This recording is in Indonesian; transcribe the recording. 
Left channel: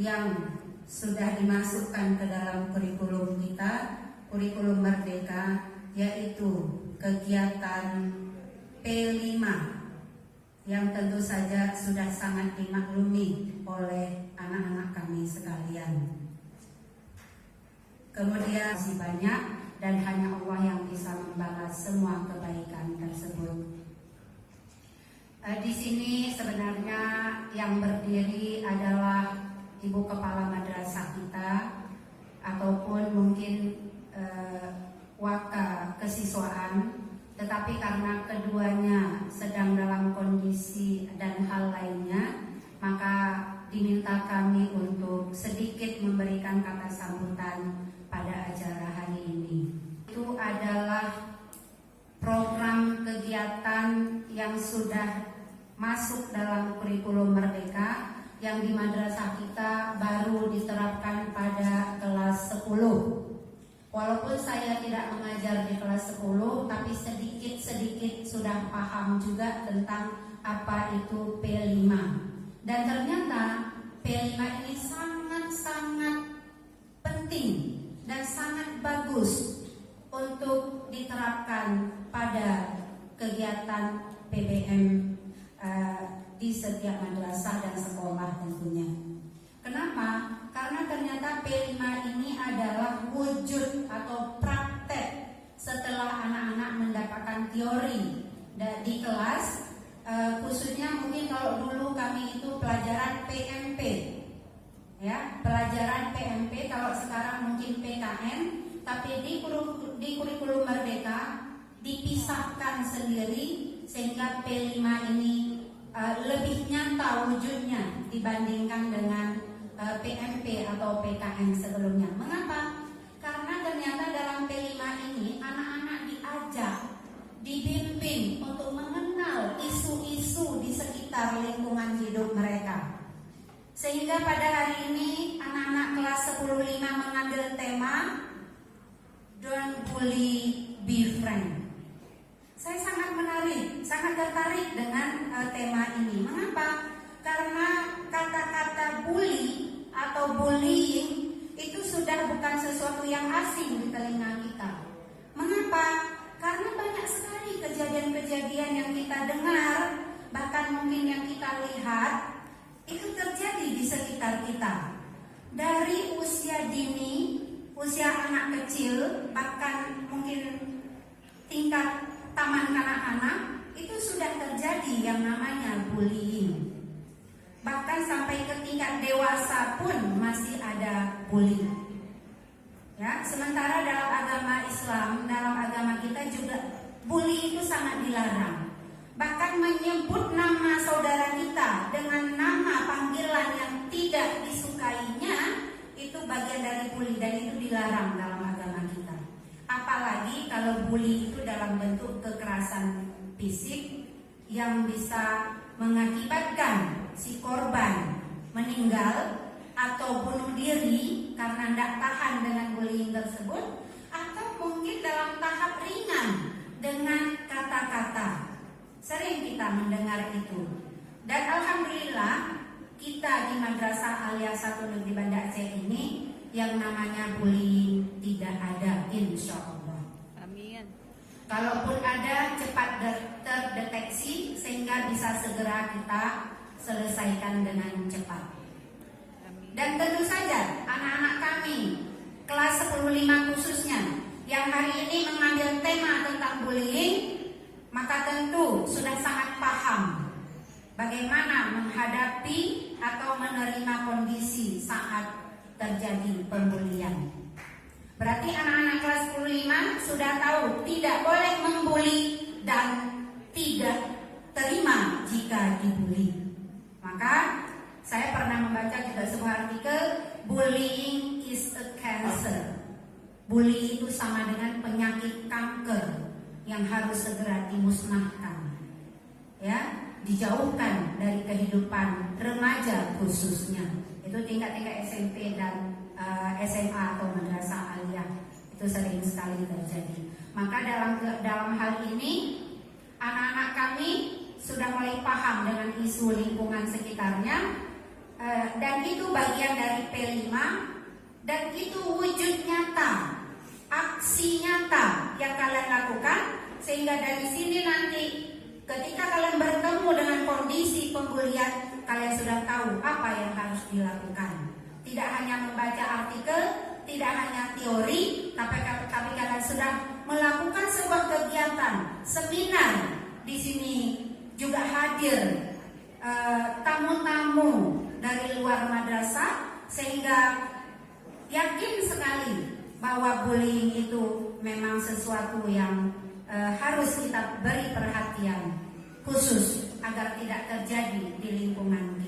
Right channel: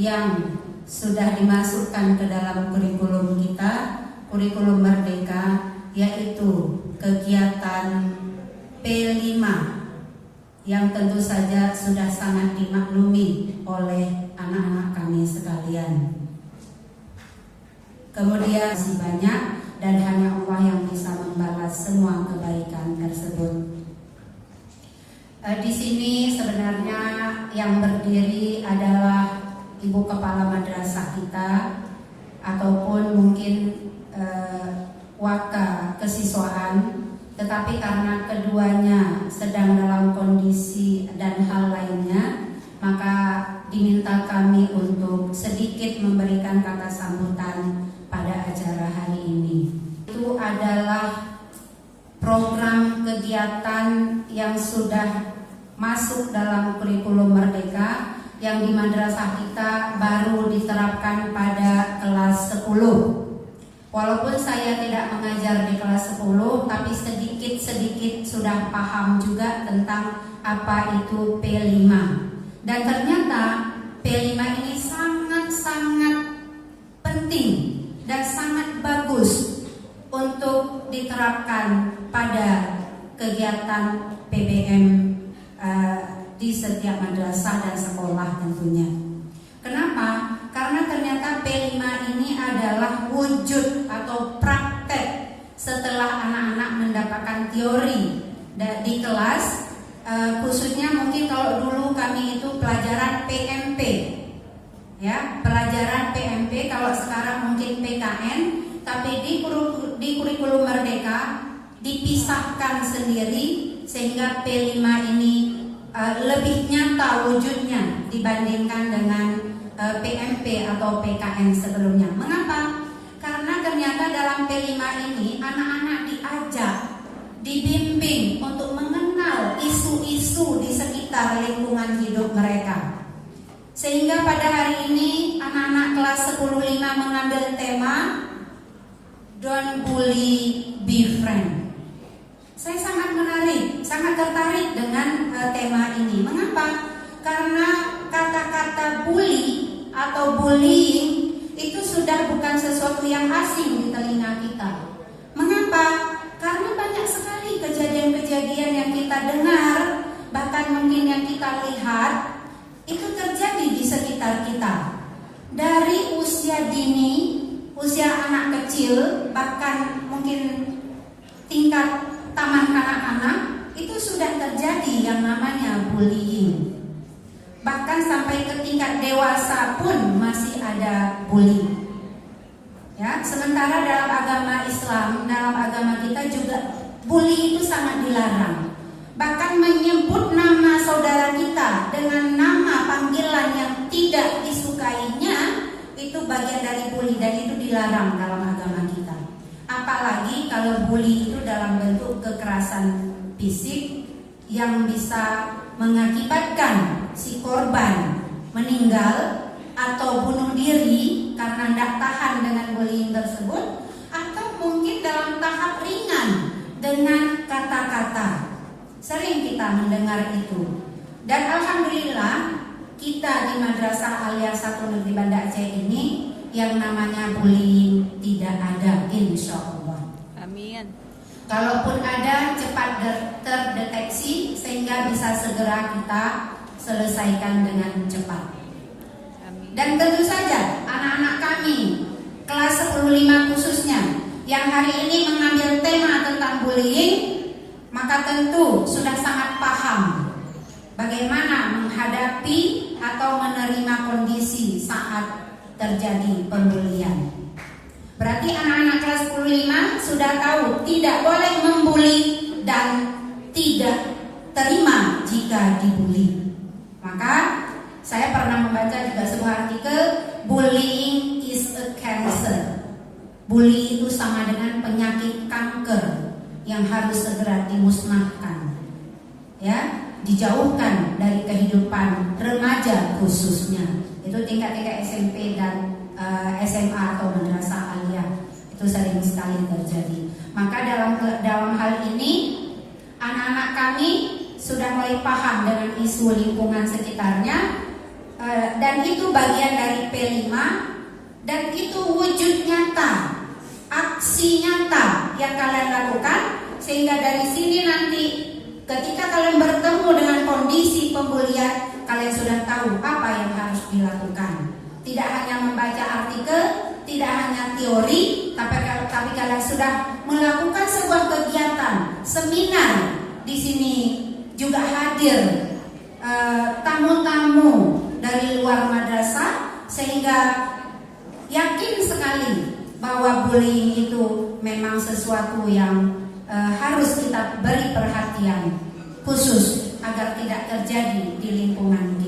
yang sudah dimasukkan ke dalam kurikulum kita, kurikulum Merdeka, yaitu kegiatan P5 yang tentu saja sudah sangat dimaklumi oleh anak-anak kami sekalian. Kemudian masih banyak dan hanya Allah yang bisa membalas semua kebaikan tersebut. Di sini sebenarnya yang berdiri adalah Ibu Kepala Madrasah kita ataupun mungkin waka kesiswaan, tetapi karena keduanya sedang dalam kondisi dan hal lainnya, maka diminta kami untuk sedikit memberikan kata sambutan pada acara hari ini. Itu adalah program kegiatan yang sudah masuk dalam kurikulum Merdeka yang di madrasah kita baru diterapkan pada kelas 10. Walaupun saya tidak mengajar di kelas 10, tapi sedikit-sedikit sudah paham juga tentang apa itu P5. Dan ternyata P5 ini sangat-sangat penting dan sangat bagus untuk diterapkan pada kegiatan PBM di setiap madrasah dan sekolah tentunya. Kenapa? Karena ternyata P5 ini adalah wujud atau praktek setelah anak-anak mendapatkan teori di kelas, khususnya mungkin kalau dulu kami itu pelajaran PMP, ya, pelajaran PMP, kalau sekarang mungkin PKN, tapi di kurikulum Merdeka dipisahkan sendiri sehingga P5 ini lebih nyata wujudnya dibandingkan dengan PMP atau PKN sebelumnya. Mengapa? Karena ternyata dalam P5 ini anak-anak diajak, dibimbing untuk mengenal isu-isu di sekitar lingkungan hidup mereka. Sehingga pada hari ini anak-anak kelas 10-5 mengambil tema Don't Bully, Be Friend. Saya sangat tertarik dengan tema ini. Mengapa? Karena kata-kata bully atau bullying itu sudah bukan sesuatu yang asing di telinga kita. Mengapa? Karena banyak sekali kejadian-kejadian yang kita dengar, bahkan mungkin yang kita lihat, itu terjadi di sekitar kita. Dari usia dini, usia anak kecil, bahkan mungkin tingkat taman kanak-kanak, itu sudah terjadi yang namanya bullying. Bahkan sampai ke tingkat dewasa pun masih ada bullying. Ya, sementara dalam agama Islam, dalam agama kita juga bully itu sangat dilarang. Bahkan menyebut nama saudara kita dengan nama panggilan yang tidak disukainya itu bagian dari bully dan itu dilarang dalam agama kita. Apalagi kalau bully itu dalam bentuk kekerasan fisik yang bisa mengakibatkan si korban meninggal atau bunuh diri karena tidak tahan dengan bullying tersebut, atau mungkin dalam tahap ringan dengan kata-kata. Sering kita mendengar itu. Dan alhamdulillah kita di Madrasah Aliyah 1 Negeri Banda Aceh ini yang namanya bullying tidak ada, insya Allah. Amin. Kalaupun ada, cepat terdeteksi sehingga bisa segera kita selesaikan dengan cepat. Amin. Dan tentu saja anak-anak kami kelas 10-5 khususnya yang hari ini mengambil tema tentang bullying, maka tentu sudah sangat paham bagaimana menghadapi atau menerima kondisi saat terjadi pembulian. Berarti anak-anak kelas 10-5 sudah tahu tidak boleh membuli dan tidak terima jika dibuli. Maka saya pernah membaca juga sebuah artikel, bullying is a cancer. Bully itu sama dengan penyakit kanker yang harus segera dimusnahkan, ya, dijauhkan dari kehidupan remaja khususnya. Itu tingkat-tingkat SMP dan SMA atau madrasah aliyah itu sering sekali terjadi. Maka dalam hal ini anak-anak kami sudah mulai paham dengan isu lingkungan sekitarnya. dan itu bagian dari P5 dan itu wujud nyata, aksi nyata yang kalian lakukan, sehingga dari sini nanti ketika kalian bertemu dengan kondisi pembulian, kalian sudah tahu apa yang harus dilakukan. Tidak hanya membaca artikel, tidak hanya teori, tapi kalian sudah melakukan sebuah kegiatan seminar. Di sini juga hadir tamu-tamu dari luar madrasah, sehingga yakin sekali bahwa bullying itu memang sesuatu yang harus kita beri perhatian khusus agar tidak terjadi di lingkungan